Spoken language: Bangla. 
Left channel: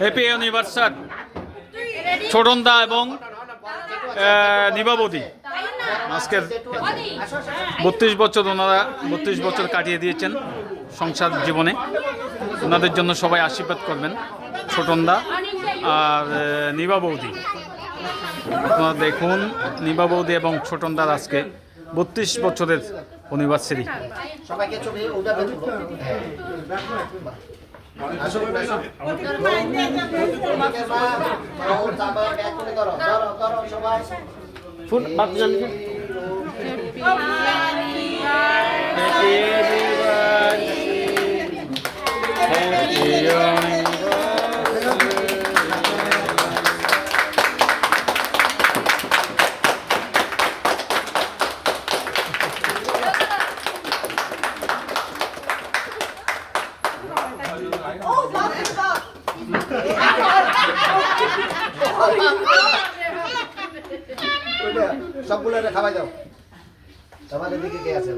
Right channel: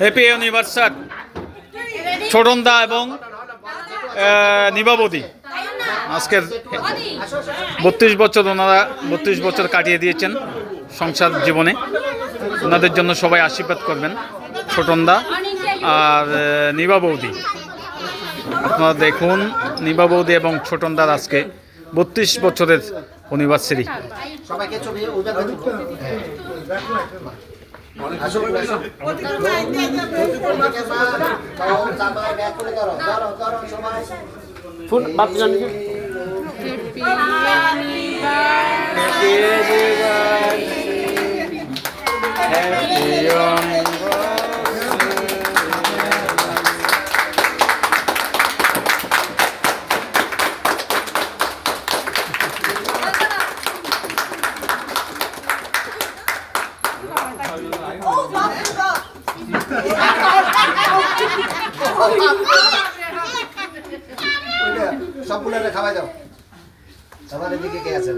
হ্যাপি অ্যানিভার্সারি ছোটনদা এবং আহ, নিবাবতী আজকের বত্রিশ বছর ওনারা বত্রিশ বছর কাটিয়ে দিয়েছেন সংসার জীবনে। ওনাদের জন্য সবাই আশীর্বাদ করবেন ছোটনদা আর নিবা বৌদি আপনারা দেখুন নিবা বৌদি এবং ছোটনদার আজকে বত্রিশ বছরের অনিভার্সারি সবাইকে ছবি ওটা হ্যাঁ আসো সবগুলো খাওয়াই দাও। সবার এদিকে কে আছেন?